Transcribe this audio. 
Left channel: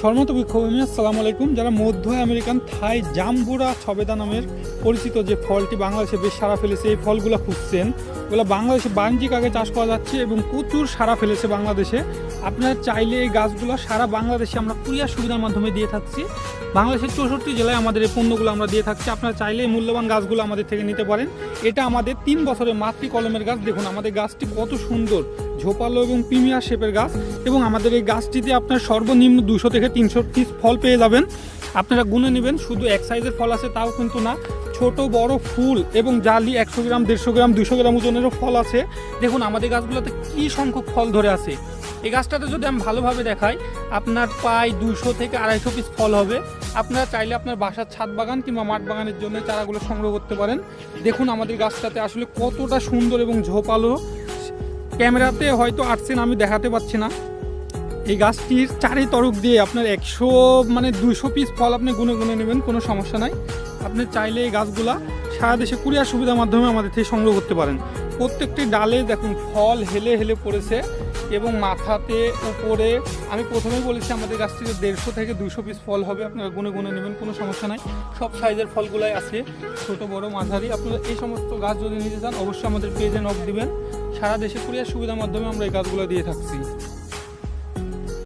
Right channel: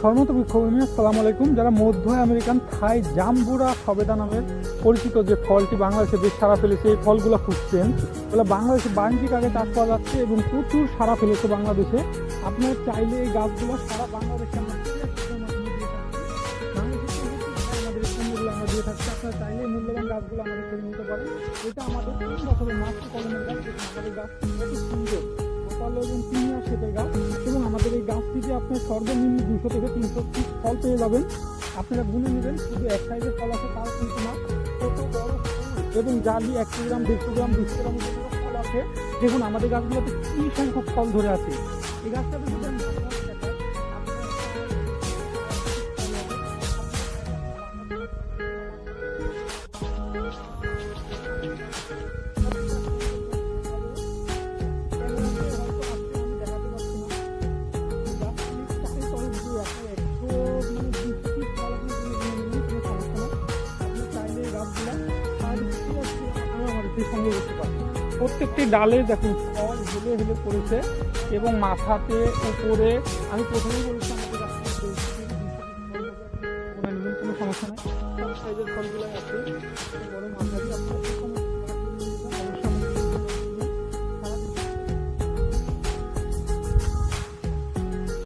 সম্মানিত বিক্ষোভী আসসালামু আলাইকুম। যারা মধ্য আমেরিকান থাই জাম্বুরা সবেদা নামের পরিচিত যে ফলটি বাংলাদেশে বেশ সাড়া ফেলেছে, এই ফলগুলো খুঁজছেন, ওগুলো বাংলাদেশে বাণিজ্যিক আগে চাষ করা যাচ্ছে এবং প্রচুর সাড়া ফেলেছে বাংলাদেশে। আপনারা চাইলে এই গাছগুলো সারা বাংলাদেশে আমরা কুরিয়ার সুবিধার মাধ্যমে দিয়ে থাকছি। বাংলাদেশের 64 জেলায় আমাদের এই পণ্যগুলো আমরা দিয়ে থাকছি। আপনারা চাইলে এই মূল্যবান গাছগুলো আমাদের থেকে নিতে পারেন। এটা আমাদের 3 বছরের মাতৃ কলমের গাছ। দেখুন আমাদের গাছটি কত সুন্দর, ঝোপালো এবং প্রিমিয়ার শেপের গাছ, এবং আমাদের এই গাছটিতে আপনার সর্বনিম্ন 200 থেকে 300 পিস ফল পেয়ে যাবেন। আপনারা গুনে নেবেন, শুধু এক সাইজের ফল আছে তাও কিন্তু না, ছোট বড় ফুল এবং জালি 100 গ্রাম 150 গ্রাম 200 গ্রাম ওজনেরও ফল আছে। দেখুন আমাদের গাছগুলোতে কী সংখ্যক ফল ধরে আছে। এই গাছটাতে যদি আমি ভালোভাবে দেখাই, আপনার প্রায় 200 থেকে 250 পিস ফল হবে। আপনারা চাইলে আপনার বাসার ছাদ বাগান কিংবা মাঠ বাগানের জন্য চারাগুলো সংগ্রহ করতে পারেন। দেখুন আমাদের গাছটাতে আসলে কতটা সুন্দর এবং ঝোপালো। ক্যামেরাতে হয়তো আসছেন, আমি দেখাতে পাচ্ছি না। এই গাছটির চারি তরফ দিয়ে আপনার 200 পিস ফল আপনি গুনে গুনে নেবেন, কোনো সমস্যা নাই। আপনি চাইলে এই গাছগুলা সারা দেশে কুরিয়ার সুবিধার মাধ্যমে আমাদের থেকে সংগ্রহ করতে পারেন। প্রত্যেকটি ডালে দেখুন ফল হেলে হেলে পড়েছে এবং মাথাতে উপরে। আমি প্রথমেই বলেছি আমাদের গাছ থেকে 150 থেকে 200 পিস ফল হবে। আপনারা গুনে গুনে নেবেন, কোনো সমস্যা নাই। সব সাইজের ফলগুলাই আছে, ছোট বড় মাঝারি। আপনারা এই সমস্ত গাছ যদি নিতে চান অবশ্যই আমাদের পেজে নক দিবেন। সারা দেশে কুরিয়ার সুবিধার মাধ্যমে আমরা এই গাছগুলো দিয়ে থাকছি।